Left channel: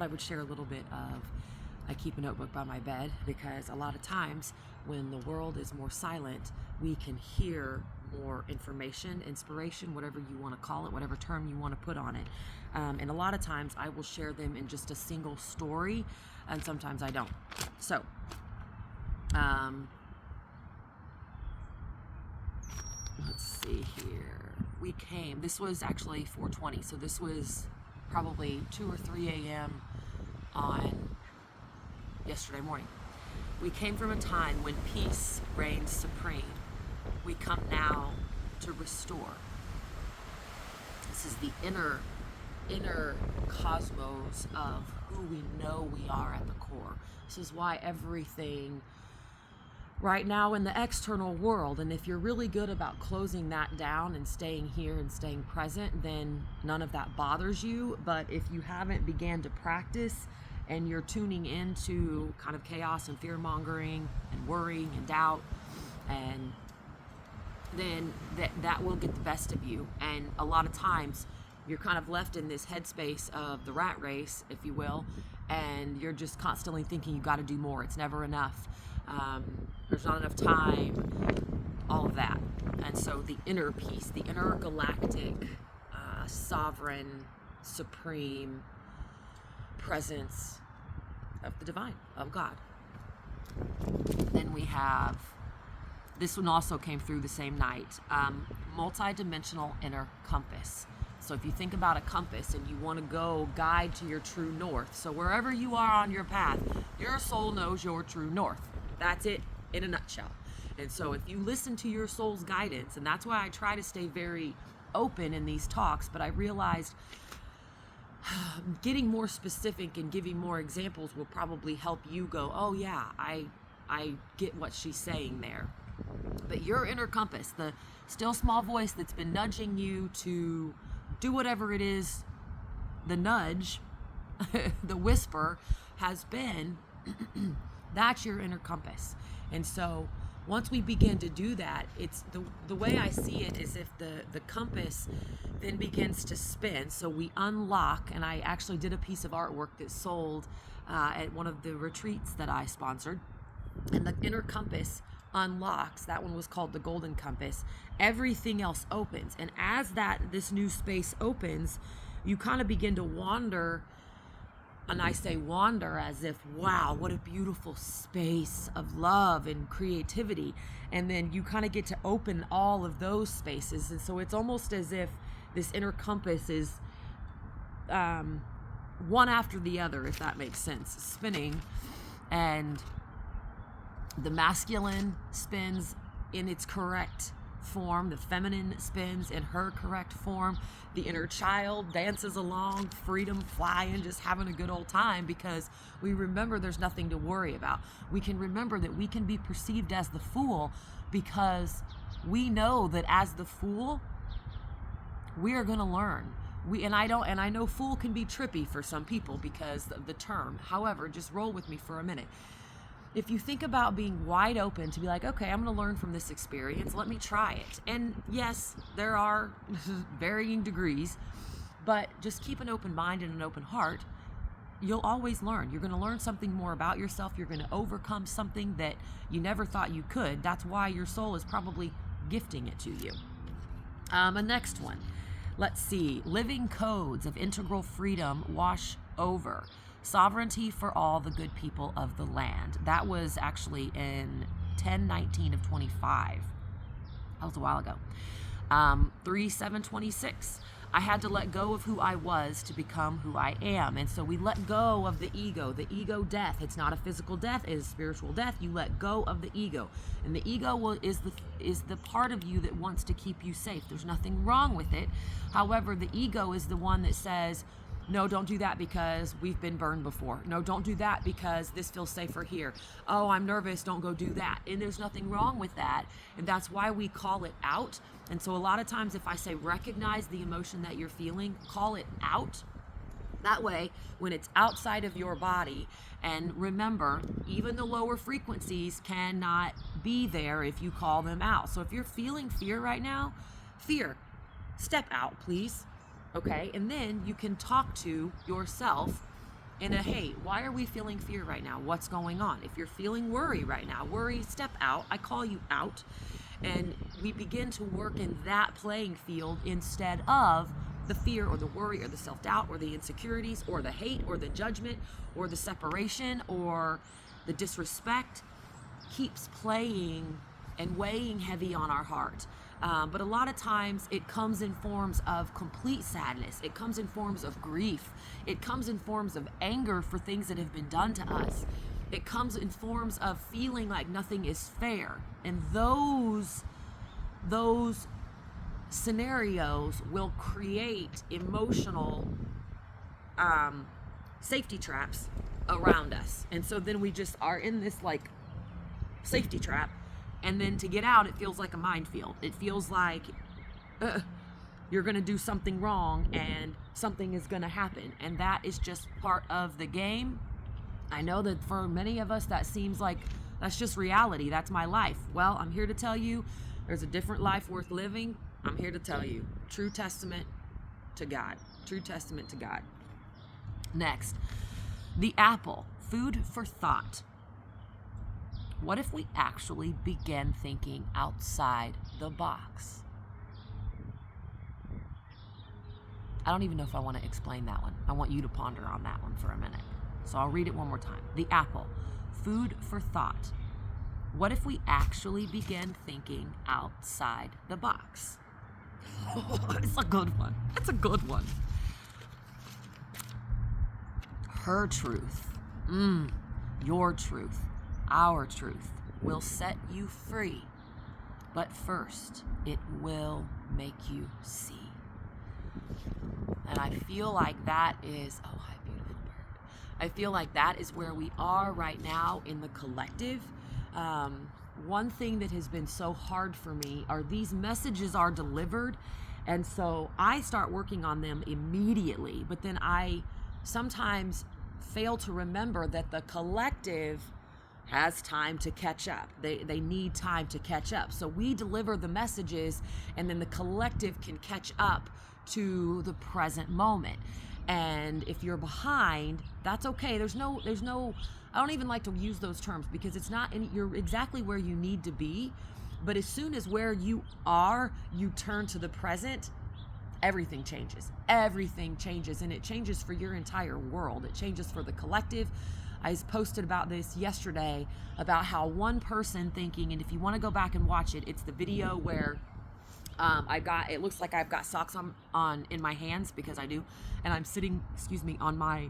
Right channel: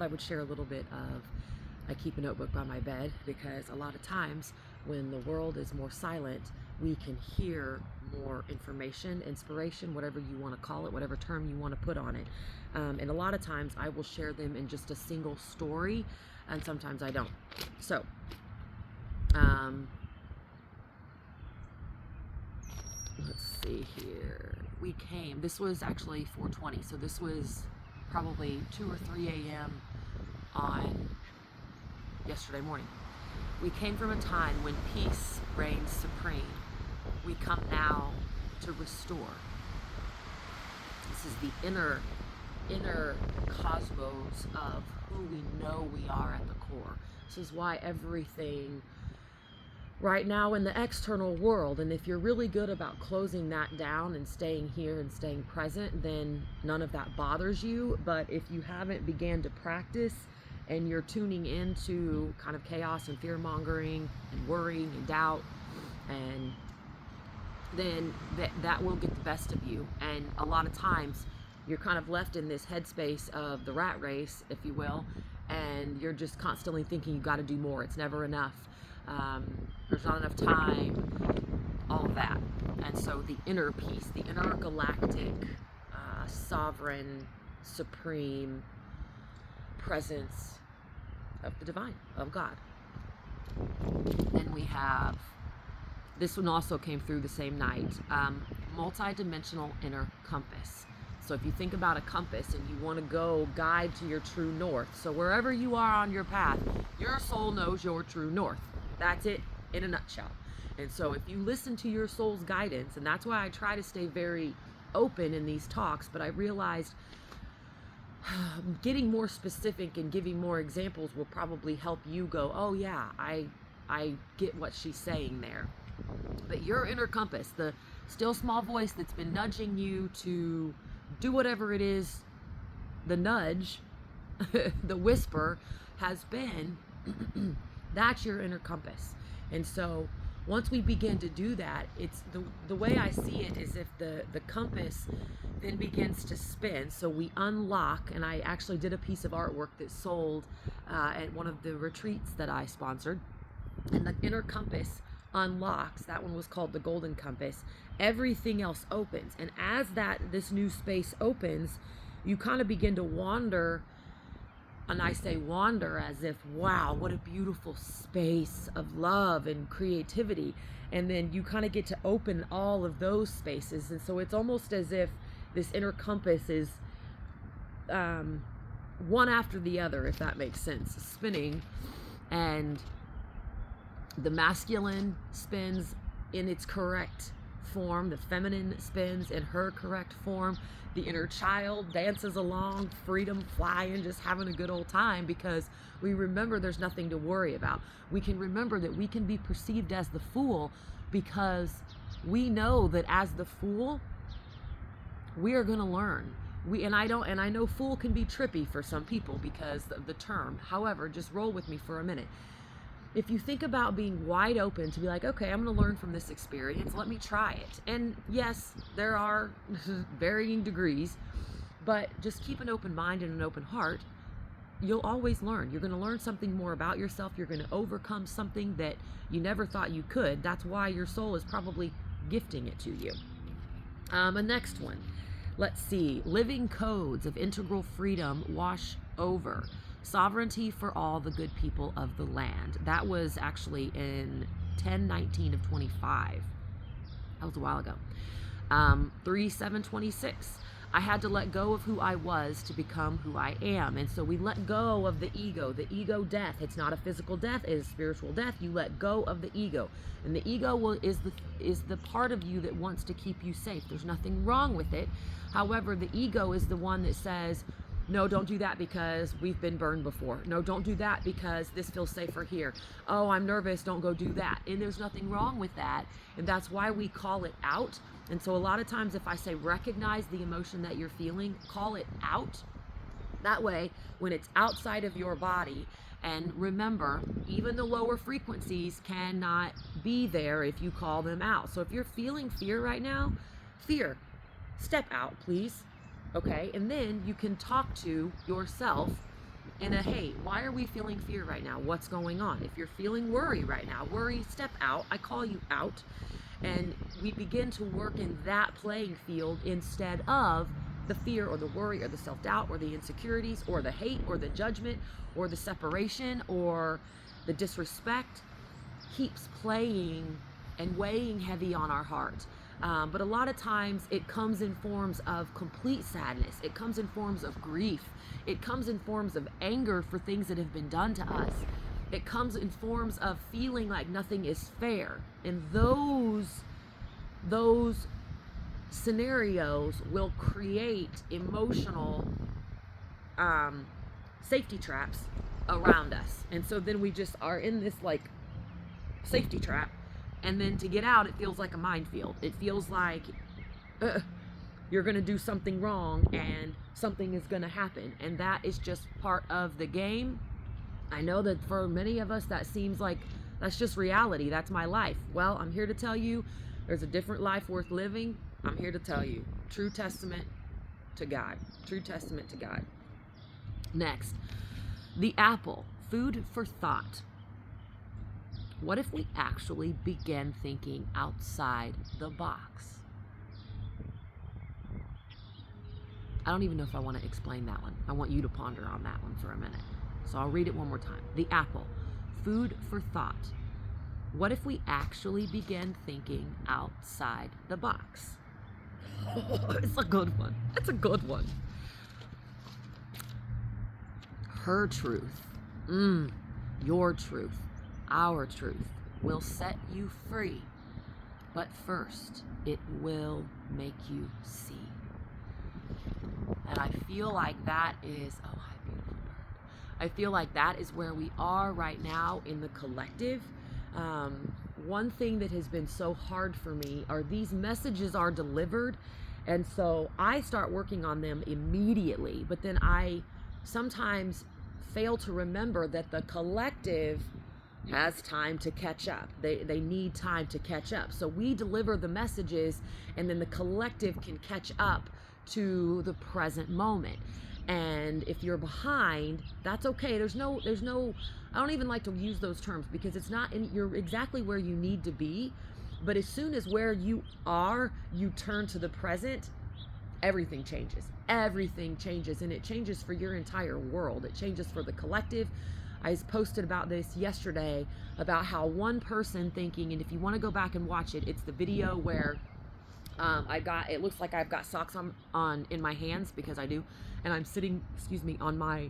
thought I would share a little bit of, I keep a notebook by my bed because a lot of times when the world is more silent, we can hear more information, inspiration, whatever you want to call it, whatever term you want to put on it. And a lot of times I will share them in just a single story, and sometimes I don't. So, let's see here. This was actually 4:20, so this was probably 2 or 3 a.m. on yesterday morning. We came from a time when peace reigned supreme. We come now to restore. This is the inner cosmos of who we know we are at the core. This is why everything right now in the external world, and if you're really good about closing that down and staying here and staying present, then none of that bothers you. But if you haven't began to practice and you're tuning into kind of chaos and fear mongering and worrying and doubt, and then that will get the best of you. And a lot of times you're kind of left in this headspace of the rat race, if you will, and you're just constantly thinking you got to do more. It's never enough. There's not enough time, all of that. And so the inner peace, the intergalactic, sovereign, supreme presence of the divine, of God. Then we have, this one also came through the same night, multi-dimensional inner compass. So if you think about a compass and you want to go guide to your true north, so wherever you are on your path, your soul knows your true north. That's it in a nutshell. And so if you listen to your soul's guidance, and that's why I try to stay very open in these talks, but I realized getting more specific and giving more examples will probably help you go, oh yeah, I get what she's saying there. But your inner compass, the still small voice that's been nudging you to do whatever it is, the nudge, the whisper has been, that's your inner compass. And so once we begin to do that, it's the way I see it is if the compass then begins to spin. So we unlock, and I actually did a piece of artwork that sold at one of the retreats that I sponsored, and the inner compass unlocks. That one was called the golden compass. Everything else opens, and as this new space opens, you kind of begin to wander. And I say wander as if, wow, what a beautiful space of love and creativity. And then you kind of get to open all of those spaces. And so it's almost as if this inner compass is one after the other, if that makes sense, spinning. And the masculine spins in its correct form. The feminine spins in her correct form. The inner child dances along, freedom, flying, just having a good old time, because we remember there's nothing to worry about. We can remember that we can be perceived as the fool because we know that as the fool, we are going to learn. And I know fool can be trippy for some people because of the term. However, just roll with me for a minute. If you think about being wide open to be like, okay, I'm going to learn from this experience, let me try it. And yes, there are varying degrees, but just keep an open mind and an open heart. You'll always learn. You're going to learn something more about yourself. You're going to overcome something that you never thought you could. That's why your soul is probably gifting it to you. A next one. Let's see. Living codes of integral freedom wash over. Sovereignty for all the good people of the land. That was actually in 10/19 of 25. That was a while ago. 3/7/26. I had to let go of who I was to become who I am. And so we let go of the ego death. It's not a physical death, it is spiritual death. You let go of the ego. And the ego is the part of you that wants to keep you safe. There's nothing wrong with it. However, the ego is the one that says, no, don't do that because we've been burned before. No, don't do that because this feels safer here. Oh, I'm nervous, don't go do that. And there's nothing wrong with that. And that's why we call it out. And so a lot of times if I say recognize the emotion that you're feeling, call it out. That way, when it's outside of your body, and remember, even the lower frequencies cannot be there if you call them out. So if you're feeling fear right now, fear, step out, please. Okay, and then you can talk to yourself in a, hey, why are we feeling fear right now? What's going on? If you're feeling worry right now, worry, step out. I call you out. And we begin to work in that playing field instead of the fear or the worry or the self-doubt or the insecurities or the hate or the judgment or the separation or the disrespect keeps playing and weighing heavy on our heart. But a lot of times it comes in forms of complete sadness. It comes in forms of grief. It comes in forms of anger for things that have been done to us. It comes in forms of feeling like nothing is fair. And those scenarios will create emotional safety traps around us. And so then we just are in this like safety trap. And then to get out, it feels like a minefield. It feels like you're going to do something wrong and something is going to happen. And that is just part of the game. I know that for many of us, that seems like that's just reality. That's my life. Well, I'm here to tell you there's a different life worth living. I'm here to tell you. True testament to God. True testament to God. Next, the apple. Food for thought. What if we actually begin thinking outside the box? I don't even know if I want to explain that one. I want you to ponder on that one for a minute. So I'll read it one more time. The apple. Food for thought. What if we actually begin thinking outside the box? It's a good one. It's a good one. Her truth. Your truth. Our truth will set you free. But first, it will make you see. And I feel like that is, oh, hi, beautiful bird. I feel like that is where we are right now in the collective. One thing that has been so hard for me are these messages are delivered. And so I start working on them immediately. But then I sometimes fail to remember that the collective has time to catch up. They need time to catch up. So we deliver the messages and then the collective can catch up to the present moment. And if you're behind, that's okay. There's no, I don't even like to use those terms because it's not, you're exactly where you need to be. But as soon as where you are, you turn to the present, everything changes. Everything changes, and it changes for your entire world. It changes for the collective. I posted about this yesterday about how one person thinking, and if you want to go back and watch it, it's the video where it looks like I've got socks on in my hands because I do, and I'm sitting, on my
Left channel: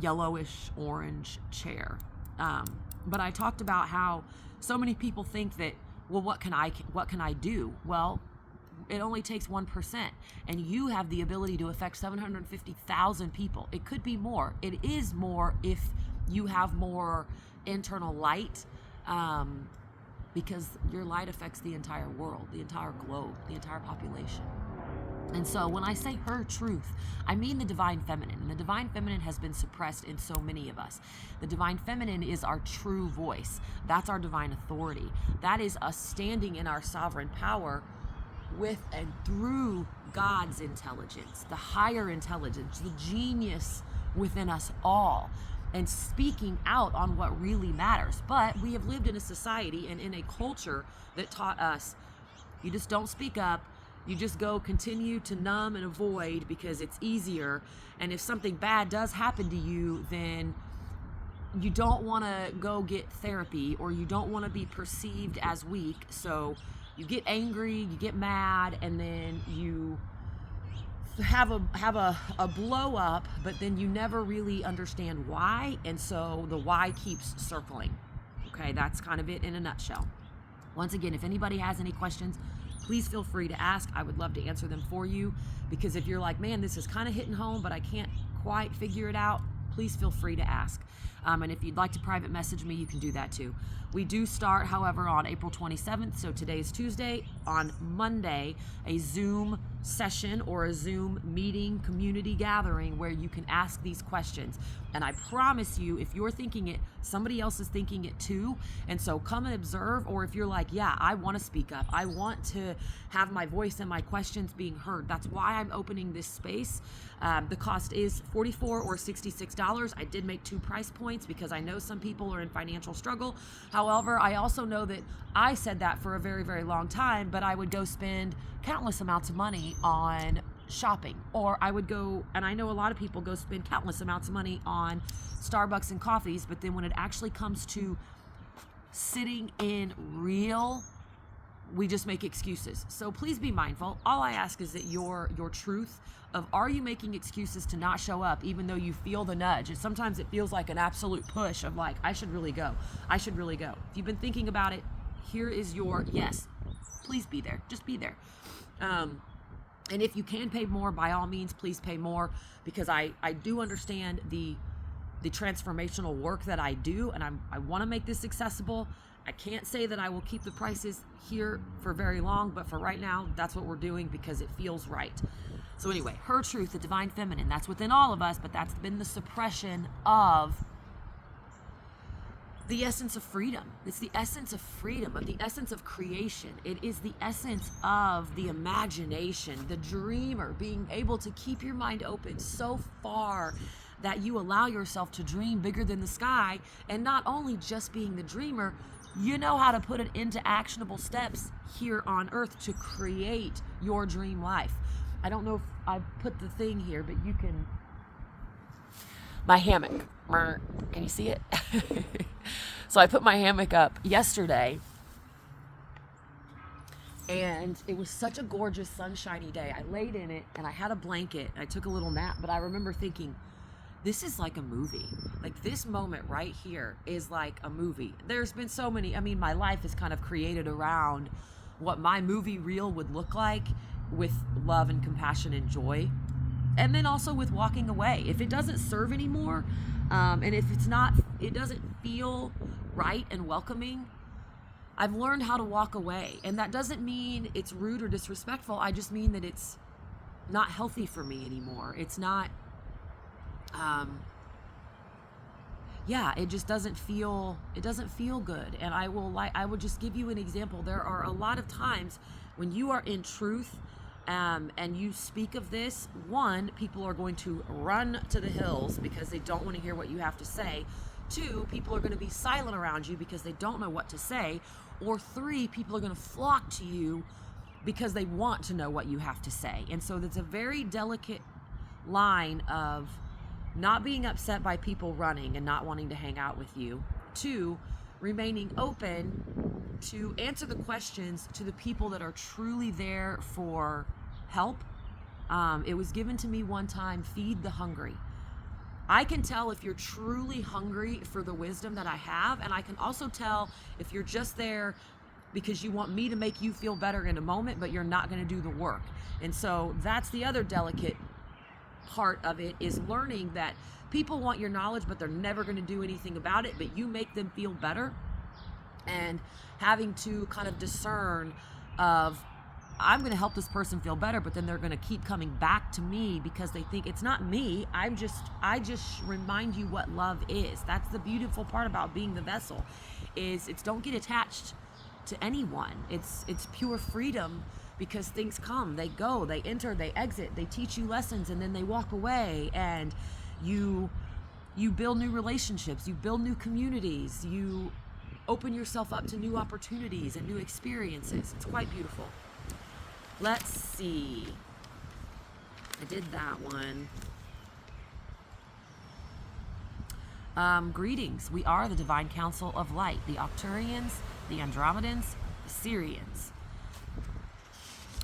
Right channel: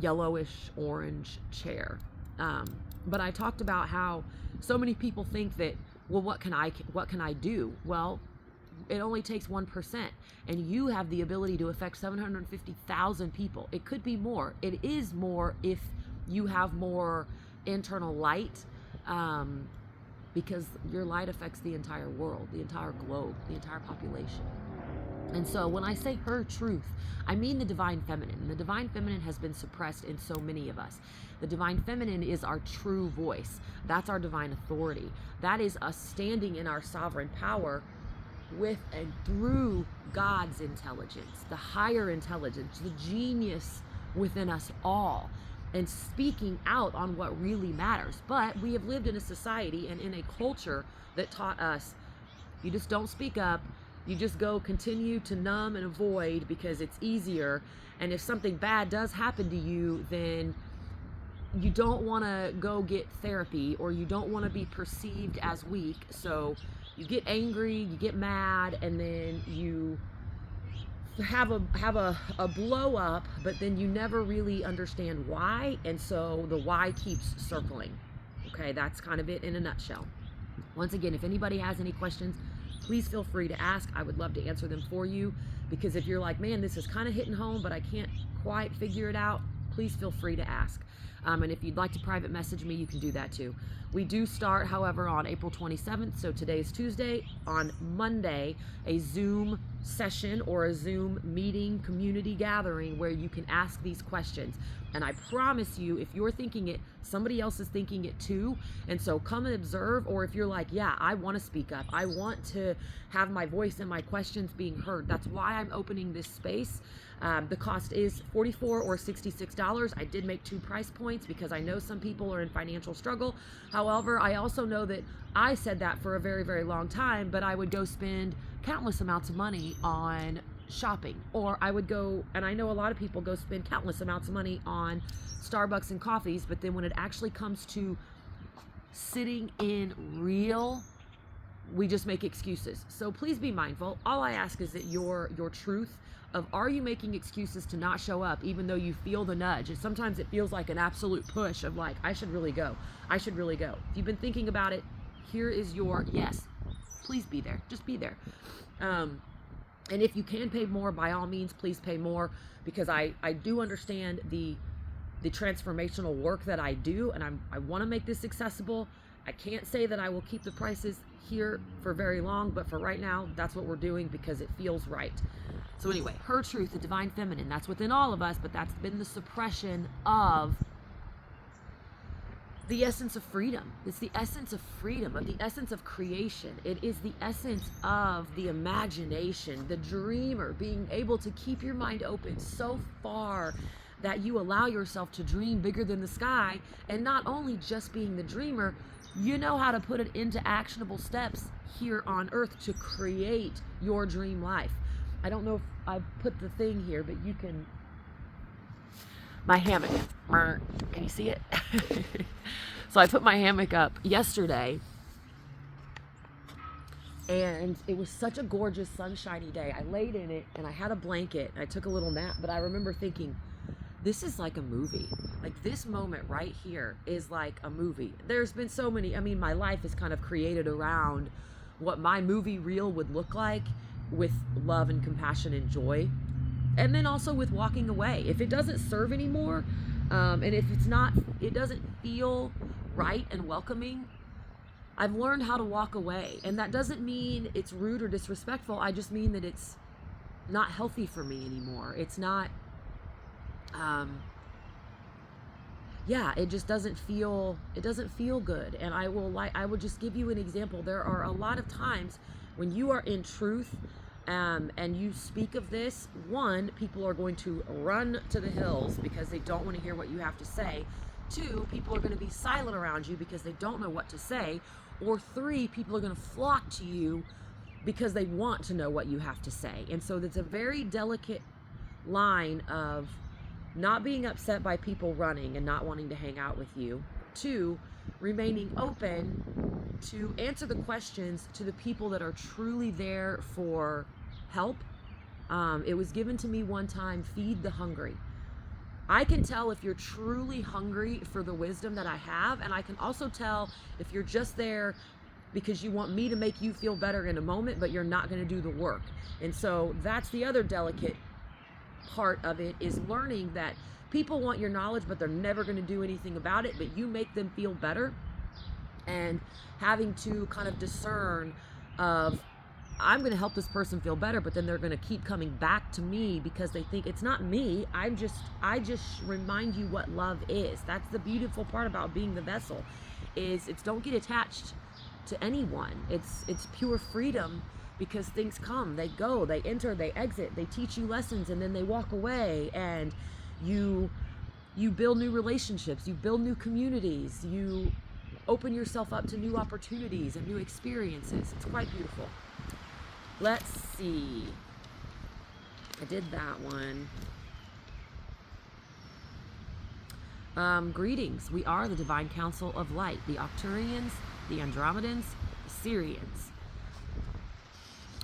yellowish orange chair. But I talked about how so many people think that, well, what can I do? Well, it only takes 1%, and you have the ability to affect 750,000 people. It could be more. It is more if you have more internal light, because your light affects the entire world, the entire globe, the entire population. And so when I say her truth, I mean the divine feminine. And the divine feminine has been suppressed in so many of us. The divine feminine is our true voice. That's our divine authority. That is us standing in our sovereign power with and through God's intelligence, the higher intelligence, the genius within us all, and speaking out on what really matters. But we have lived in a society and in a culture that taught us, you just don't speak up. You just go continue to numb and avoid because it's easier. And if something bad does happen to you, then you don't want to go get therapy, or you don't want to be perceived as weak. So you get angry, you get mad, and then you have a blow up, but then you never really understand why. And so the why keeps circling. Okay, that's kind of it in a nutshell. Once again, if anybody has any questions, please feel free to ask. I would love to answer them for you, because if you're like, man, this is kind of hitting home, but I can't quite figure it out, please feel free to ask. And if you'd like to private message me, you can do that too. We do start, however, on April 27th. So today's Tuesday. On Monday, a Zoom session or a Zoom meeting, community gathering where you can ask these questions. And I promise you, if you're thinking it, somebody else is thinking it too. And so come and observe. Or if you're like, yeah, I want to speak up, I want to have my voice and my questions being heard. That's why I'm opening this space. The cost is $44 or $66. I did make 2 price points because I know some people are in financial struggle. However, I also know that I said that for a very, very long time, but I would go spend countless amounts of money on shopping, or I would go, and I know a lot of people go spend countless amounts of money on Starbucks and coffees, but then when it actually comes to sitting in real, we just make excuses. So please be mindful. All I ask is that your truth of, are you making excuses to not show up even though you feel the nudge? And sometimes it feels like an absolute push of like, I should really go. I should really go. If you've been thinking about it, here is your yes. Please be there. Just be there. And if you can pay more, by all means, please pay more, because I do understand the transformational work that I do, and I want to make this accessible. I can't say that I will keep the prices here for very long, but for right now, that's what we're doing because it feels right. So anyway, her truth, the divine feminine, that's within all of us, but that's been the suppression of the essence of freedom. It's the essence of freedom, of the essence of creation. It is the essence of the imagination, the dreamer, being able to keep your mind open so far that you allow yourself to dream bigger than the sky. And not only just being the dreamer, you know how to put it into actionable steps here on earth to create your dream life. I don't know if I put the thing here, but you can, my hammock, can you see it? So I put my hammock up yesterday, and it was such a gorgeous sunshiny day. I laid in it and I had a blanket and I took a little nap, but I remember thinking, this is like a movie. Like, this moment right here is like a movie. There's been so many, I mean, my life is kind of created around what my movie reel would look like, with love and compassion and joy. And then also with walking away. If it doesn't serve anymore, and if it's not, it doesn't feel right and welcoming, I've learned how to walk away. And that doesn't mean it's rude or disrespectful. I just mean that it's not healthy for me anymore. It's not, it just doesn't feel good. And I will just give you an example. There are a lot of times when you are in truth, and you speak of this, one, people are going to run to the hills because they don't want to hear what you have to say. Two, people are going to be silent around you because they don't know what to say. Or three, people are going to flock to you because they want to know what you have to say. And so that's a very delicate line of not being upset by people running and not wanting to hang out with you. Two, remaining open to answer the questions to the people that are truly there for help. It was given to me one time, feed the hungry. I can tell if you're truly hungry for the wisdom that I have, and I can also tell if you're just there because you want me to make you feel better in a moment, but you're not going to do the work. And so that's the other delicate part of it, is learning that people want your knowledge, but they're never going to do anything about it, but you make them feel better. And having to kind of discern of, I'm going to help this person feel better, but then they're going to keep coming back to me because they think it's not me. I just remind you what love is. That's the beautiful part about being the vessel, is it's don't get attached to anyone. It's pure freedom, because things come, they go, they enter, they exit, they teach you lessons, and then they walk away, and you build new relationships, you build new communities, you open yourself up to new opportunities and new experiences. It's quite beautiful. Let's see. I did that one. Greetings. We are the Divine Council of Light, the Octurians, the Andromedans, the Syrians.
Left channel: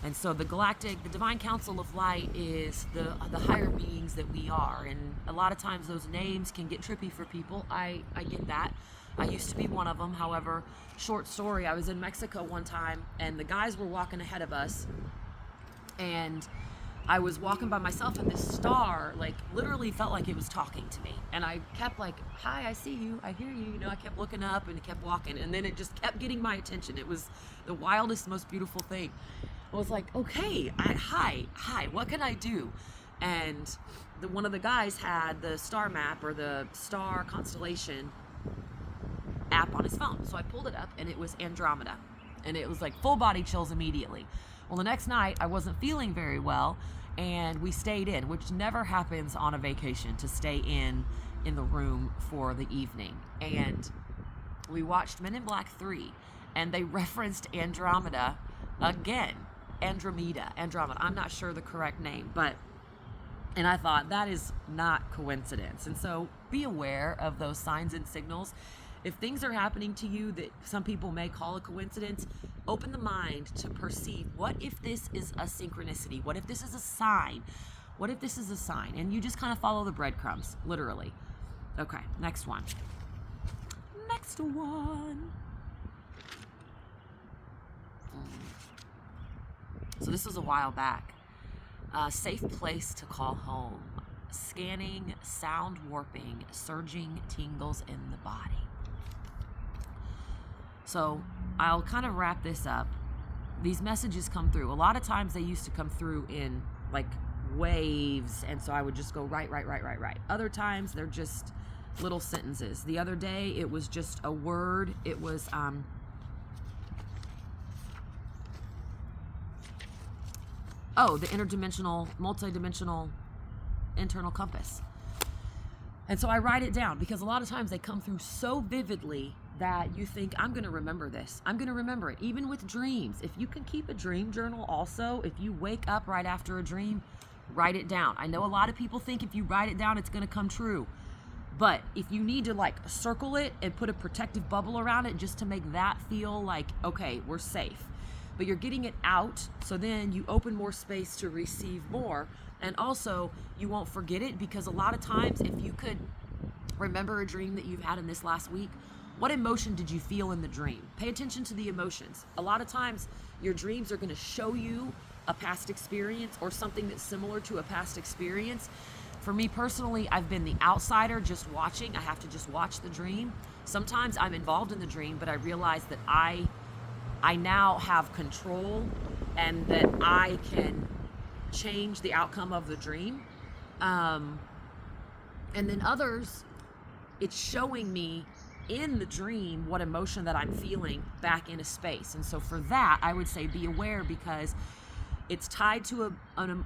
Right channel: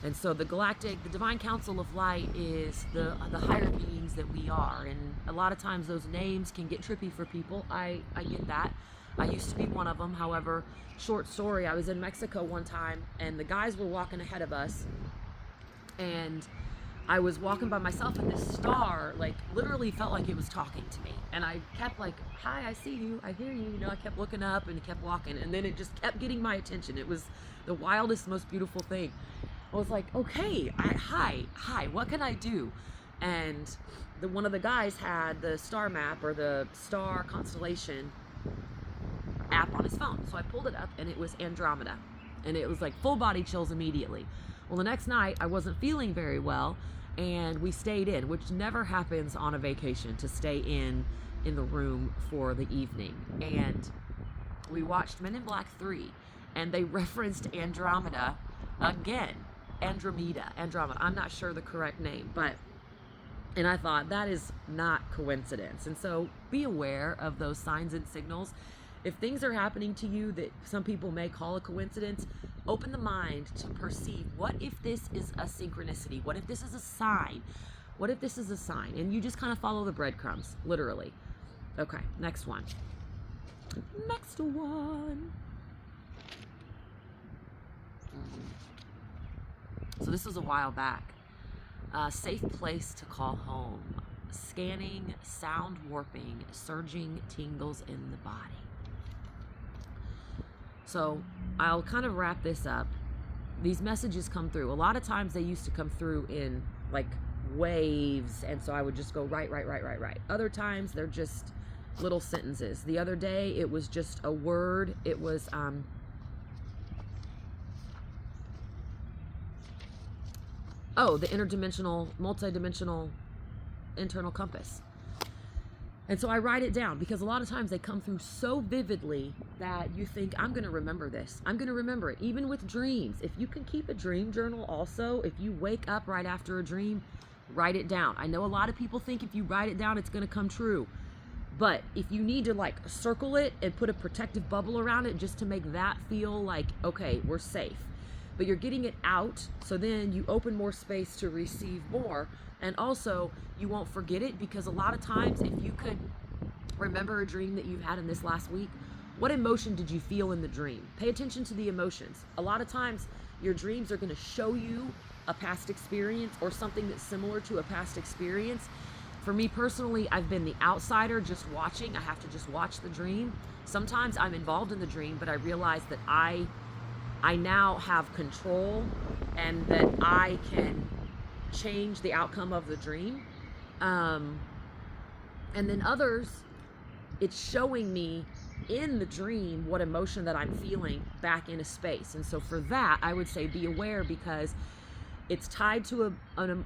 And so the Divine Council of Light is the higher beings that we are. And a lot of times those names can get trippy for people. I get that. I used to be one of them. However, short story, I was in Mexico one time, and the guys were walking ahead of us, and I was walking by myself, and this star, like, literally felt like it was talking to me. And I kept like, hi, I see you, I hear you. I kept looking up and kept walking, and then it just kept getting my attention. It was the wildest, most beautiful thing. I was like, okay, hi, what can I do? And one of the guys had the star map, or the star constellation app, on his phone. So I pulled it up, and it was Andromeda. And it was like full body chills immediately. Well, the next night I wasn't feeling very well, and we stayed in, which never happens on a vacation, to stay in the room for the evening. And we watched Men in Black 3, and they referenced Andromeda again. Andromeda. I'm not sure the correct name, and I thought that is not coincidence. And so be aware of those signs and signals. If things are happening to you that some people may call a coincidence, open the mind to perceive, what if this is a synchronicity? What if this is a sign? What if this is a sign? And you just kind of follow the breadcrumbs, literally. Okay, next one. So this was a while back. Safe place to call home. Scanning, sound warping, surging tingles in the body. So I'll kind of wrap this up. These messages come through. A lot of times they used to come through in like waves, and so I would just go right. Other times they're just little sentences. The other day it was just a word. It was the interdimensional, multidimensional internal compass. And so I write it down because a lot of times they come through so vividly that you think, I'm going to remember this. I'm going to remember it. Even with dreams. If you can keep a dream journal also, if you wake up right after a dream, write it down. I know a lot of people think if you write it down, it's going to come true. But if you need to like circle it and put a protective bubble around it just to make that feel like, okay, we're safe. But you're getting it out, so then you open more space to receive more. And also, you won't forget it, because a lot of times, if you could remember a dream that you've had in this last week, what emotion did you feel in the dream? Pay attention to the emotions. A lot of times, your dreams are going to show you a past experience or something that's similar to a past experience. For me personally, I've been the outsider just watching. I have to just watch the dream. Sometimes I'm involved in the dream, but I realize that I now have control and that I can change the outcome of the dream. And then others, it's showing me in the dream what emotion that I'm feeling back in a space. And so for that, I would say be aware, because it's tied to an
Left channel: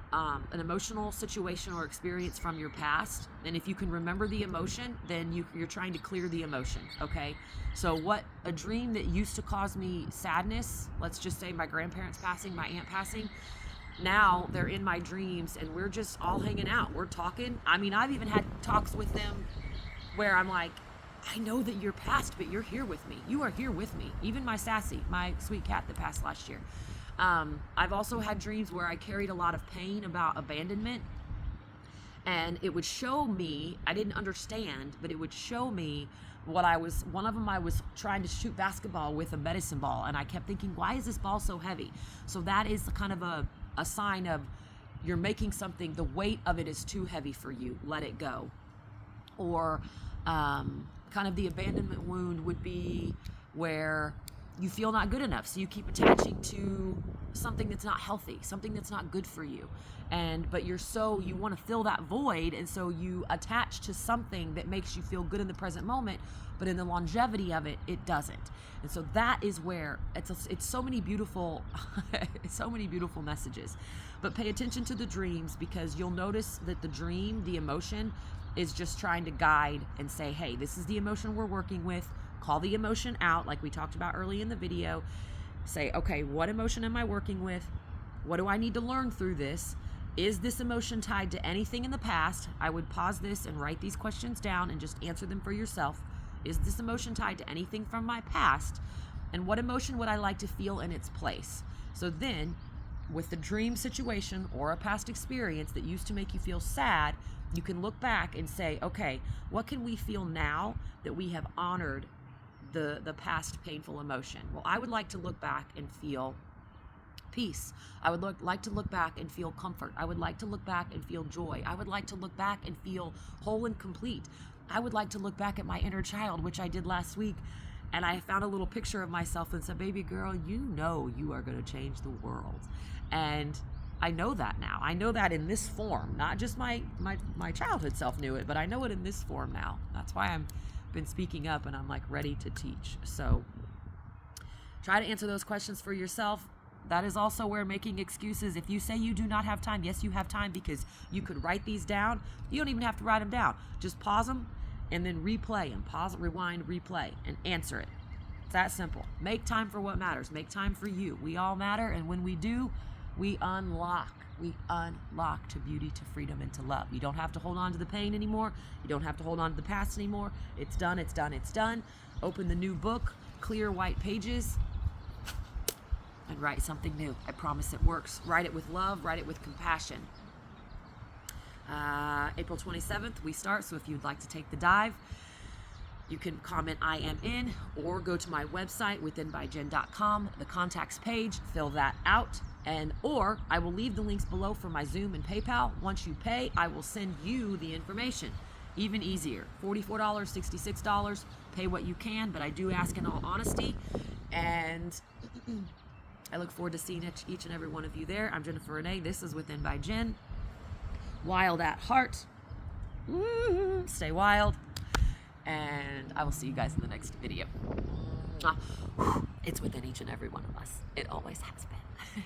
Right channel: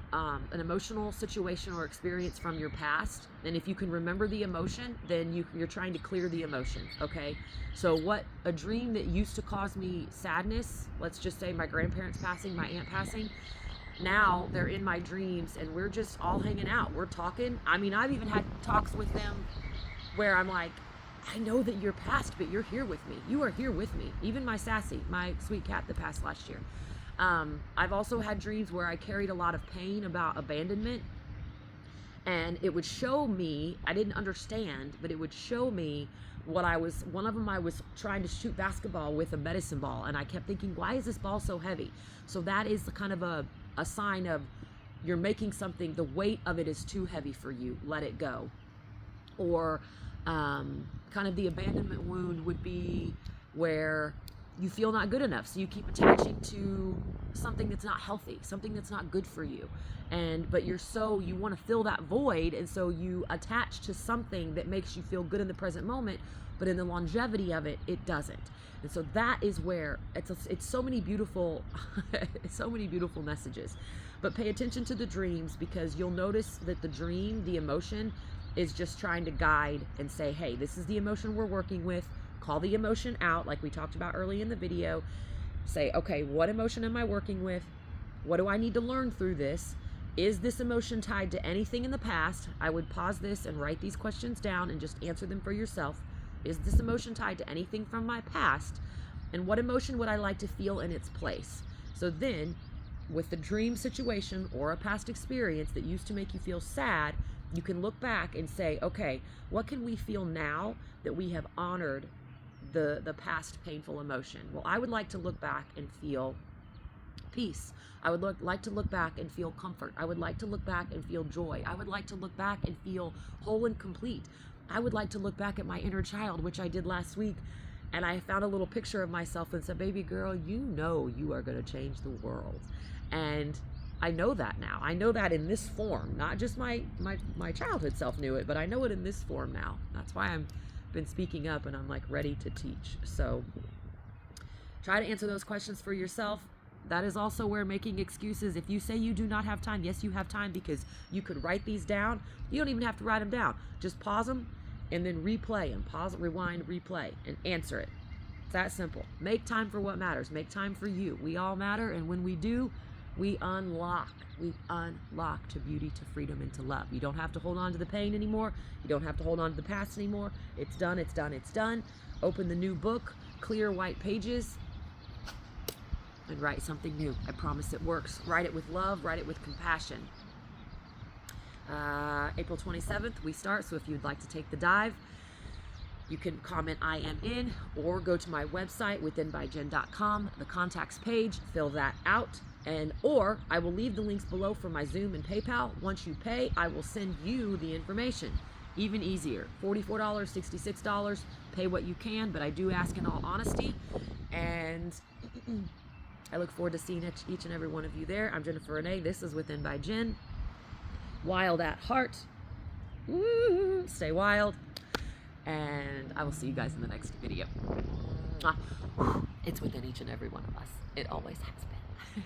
emotional situation or experience from your past. And if you can remember the emotion, then you're trying to clear the emotion, okay? So what a dream that used to cause me sadness, let's just say my grandparents passing, my aunt passing, now they're in my dreams and we're just all hanging out. We're talking. I mean, I've even had talks with them where I'm like, I know that you're past, but you're here with me. You are here with me. Even my Sassy, my sweet cat that passed last year. I've also had dreams where I carried a lot of pain about abandonment, and it would show me, I didn't understand, but it would show me one of them I was trying to shoot basketball with a medicine ball, and I kept thinking, why is this ball so heavy? So that is kind of a sign of you're making something, the weight of it is too heavy for you, let it go. Or kind of the abandonment wound would be where you feel not good enough, so you keep attaching to something that's not healthy, something that's not good for you, but you want to fill that void, and so you attach to something that makes you feel good in the present moment, but in the longevity of it, it doesn't. And so that is where it's so many beautiful so many beautiful messages. But pay attention to the dreams, because you'll notice that the dream, the emotion, is just trying to guide and say, hey, this is the emotion we're working with. Call the emotion out, like we talked about early in the video. Say, okay, what emotion am I working with? What do I need to learn through this? Is this emotion tied to anything in the past? I would pause this and write these questions down and just answer them for yourself. Is this emotion tied to anything from my past? And what emotion would I like to feel in its place? So then, with the dream situation or a past experience that used to make you feel sad, you can look back and say, okay, what can we feel now that we have honored the past painful emotion? Well, I would like to look back and feel peace. I would like to look back and feel comfort. I would like to look back and feel joy. I would like to look back and feel whole and complete. I would like to look back at my inner child, which I did last week, and I found a little picture of myself and said, baby girl, you know you are going to change the world. And I know that now. I know that in this form. Not just my childhood self knew it, but I know it in this form now. That's why I'm been speaking up and I'm like ready to teach. So try to answer those questions for yourself. That is also where making excuses, if you say you do not have time, yes, you have time, because you could write these down. You don't even have to write them down. Just pause them and then replay them. Pause, rewind, replay, and answer it. It's that simple. Make time for what matters. Make time for you. We all matter, and when we do, we unlock to beauty, to freedom, and to love. You don't have to hold on to the pain anymore. You don't have to hold on to the past anymore. It's done, it's done, it's done. Open the new book, clear white pages, and write something new. I promise it works. Write it with love, write it with compassion. April 27th, we start, so if you'd like to take the dive, you can comment I am in, or go to my website, withinbyjen.com, the contacts page, fill that out, or I will leave the links below for my Zoom and PayPal. Once you pay, I will send you the information. Even easier, $44, $66, pay what you can, but I do ask in all honesty, and I look forward to seeing each and every one of you there. I'm Jennifer Renee. This is Within by Jen. Wild at heart. Woo, stay wild. And I will see you guys in the next video. It's within each and every one of us. It always has been.